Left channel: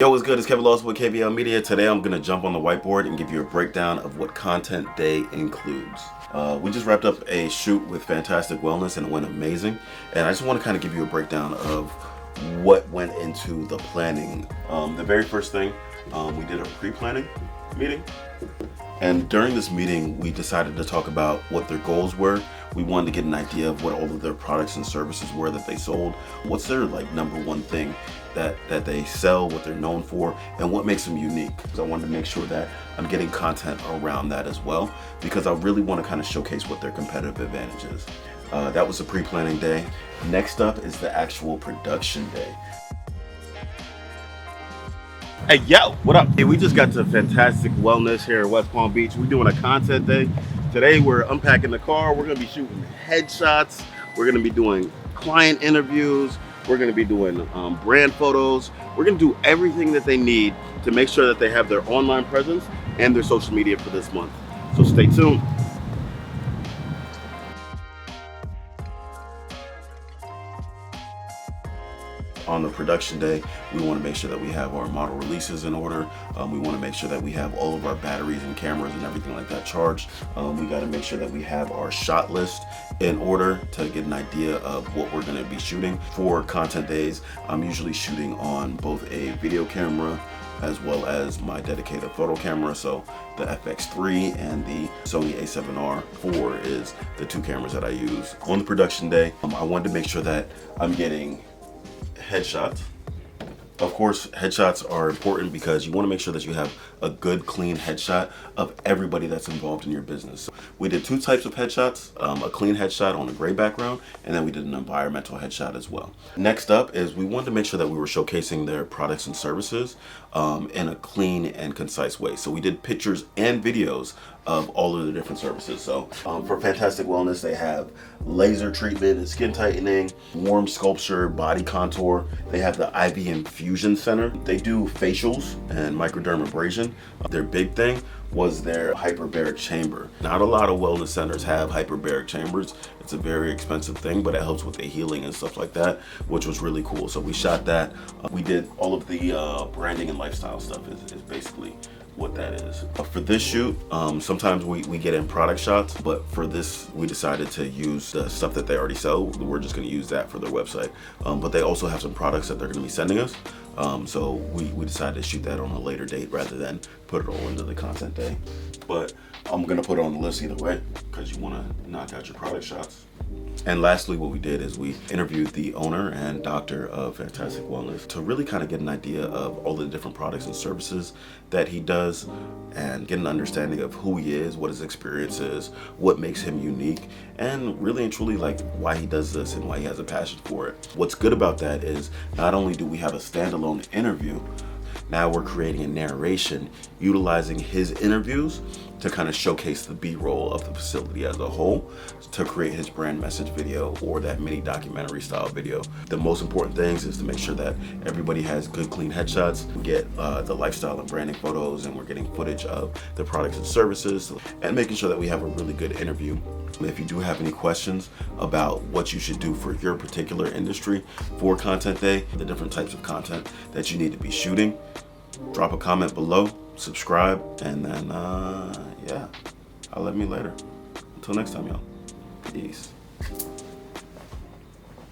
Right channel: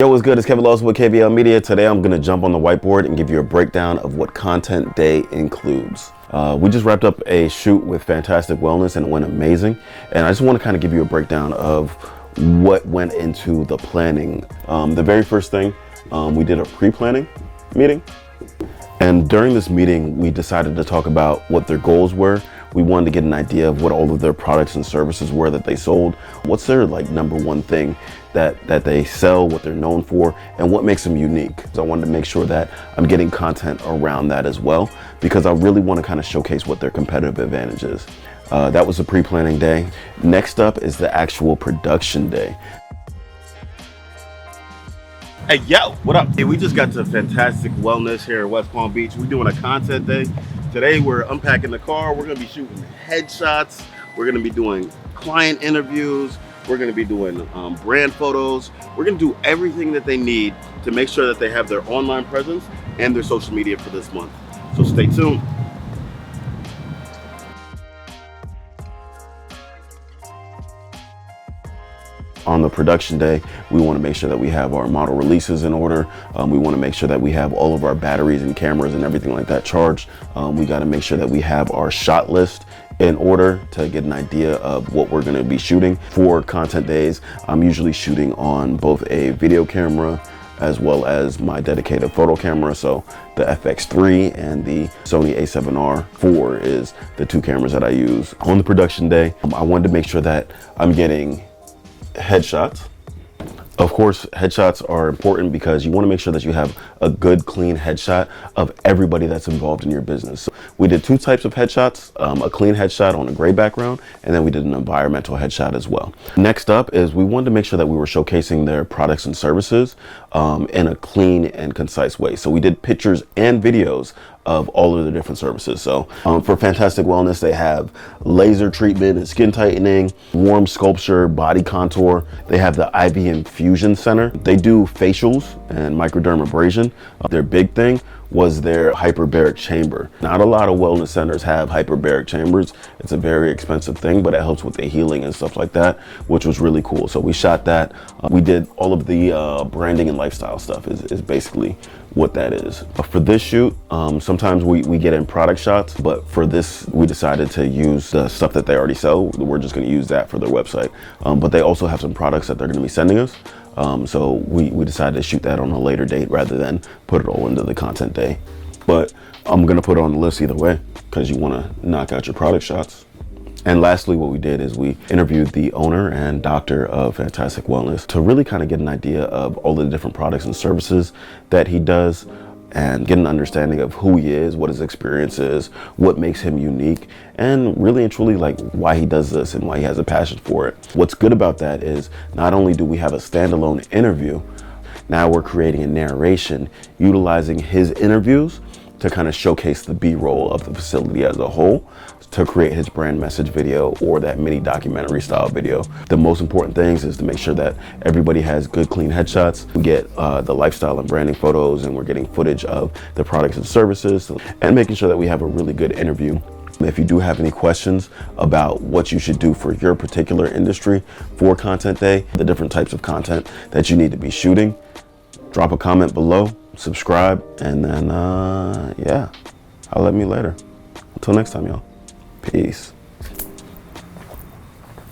Yo, what's good? It's Lawson with KVLmedia. Today I'm going to jump on the whiteboard and give you a breakdown of what Content Day includes. We just wrapped up a shoot with Fantastic Wellness and it went amazing. And I just want to kind of give you a breakdown of what went into the planning. The very first thing, we did a pre-planning meeting. And during this meeting, we decided to talk about what their goals were. We wanted to get an idea of what all of their products and services were that they sold. What's their number one thing that they sell, what they're known for, and what makes them unique. So I wanted to make sure that I'm getting content around that as well, because I really want to kind of showcase what their competitive advantage is. That was the pre-planning day. Next up is the actual production day. Hey, yo, what up? Hey, we just got to Fantastic Wellness here in West Palm Beach. We're doing a content day. Today, we're unpacking the car. We're gonna be shooting headshots. We're gonna be doing client interviews. We're gonna be doing brand photos. We're gonna do everything that they need to make sure that they have their online presence and their social media for this month. So stay tuned. On the production day, we want to make sure that we have our model releases in order. We want to make sure that we have all of our batteries and cameras and everything like that charged. We got to make sure that we have our shot list in order to get an idea of what we're going to be shooting. For content days, I'm usually shooting on both a video camera as well as my dedicated photo camera. So the FX3 and the Sony A7R4 is the two cameras that I use. On the production day, I wanted to make sure that I'm getting headshots. Of course, headshots are important because you want to make sure that you have a good, clean headshot of everybody that's involved in your business. So we did two types of headshots, a clean headshot on a gray background, and then we did an environmental headshot as well. Next up is we wanted to make sure that we were showcasing their products and services in a clean and concise way. So we did pictures and videos of all of the different services. So for Fantastic Wellness, they have laser treatment and skin tightening, warm sculpture, body contour. They have the IV infusion center. They do facials and microdermabrasion. Their big thing was their hyperbaric chamber. Not a lot of wellness centers have hyperbaric chambers. It's a very expensive thing, but it helps with the healing and stuff like that, which was really cool. So we shot that. We did all of the branding and lifestyle stuff is basically what that is. For this shoot, sometimes we get in product shots, but for this, we decided to use the stuff that they already sell. We're just gonna use that for their website. But they also have some products that they're gonna be sending us. So we decided to shoot that on a later date rather than put it all into the content day. But I'm gonna put it on the list either way, because you wanna knock out your product shots. And lastly, what we did is we interviewed the owner and doctor of Fantastic Wellness to really kind of get an idea of all the different products and services that he does and get an understanding of who he is, what his experience is, what makes him unique, and really and truly why he does this and why he has a passion for it. What's good about that is not only do we have a standalone interview, now we're creating a narration utilizing his interviews to kind of showcase the B-roll of the facility as a whole, to create his brand message video or that mini documentary style video. The most important things is to make sure that everybody has good, clean headshots. We get the lifestyle and branding photos, and we're getting footage of the products and services, and making sure that we have a really good interview. If you do have any questions about what you should do for your particular industry for Content Day, the different types of content that you need to be shooting, drop a comment below, subscribe, and then yeah, holla at me later. Until next time, y'all. Peace.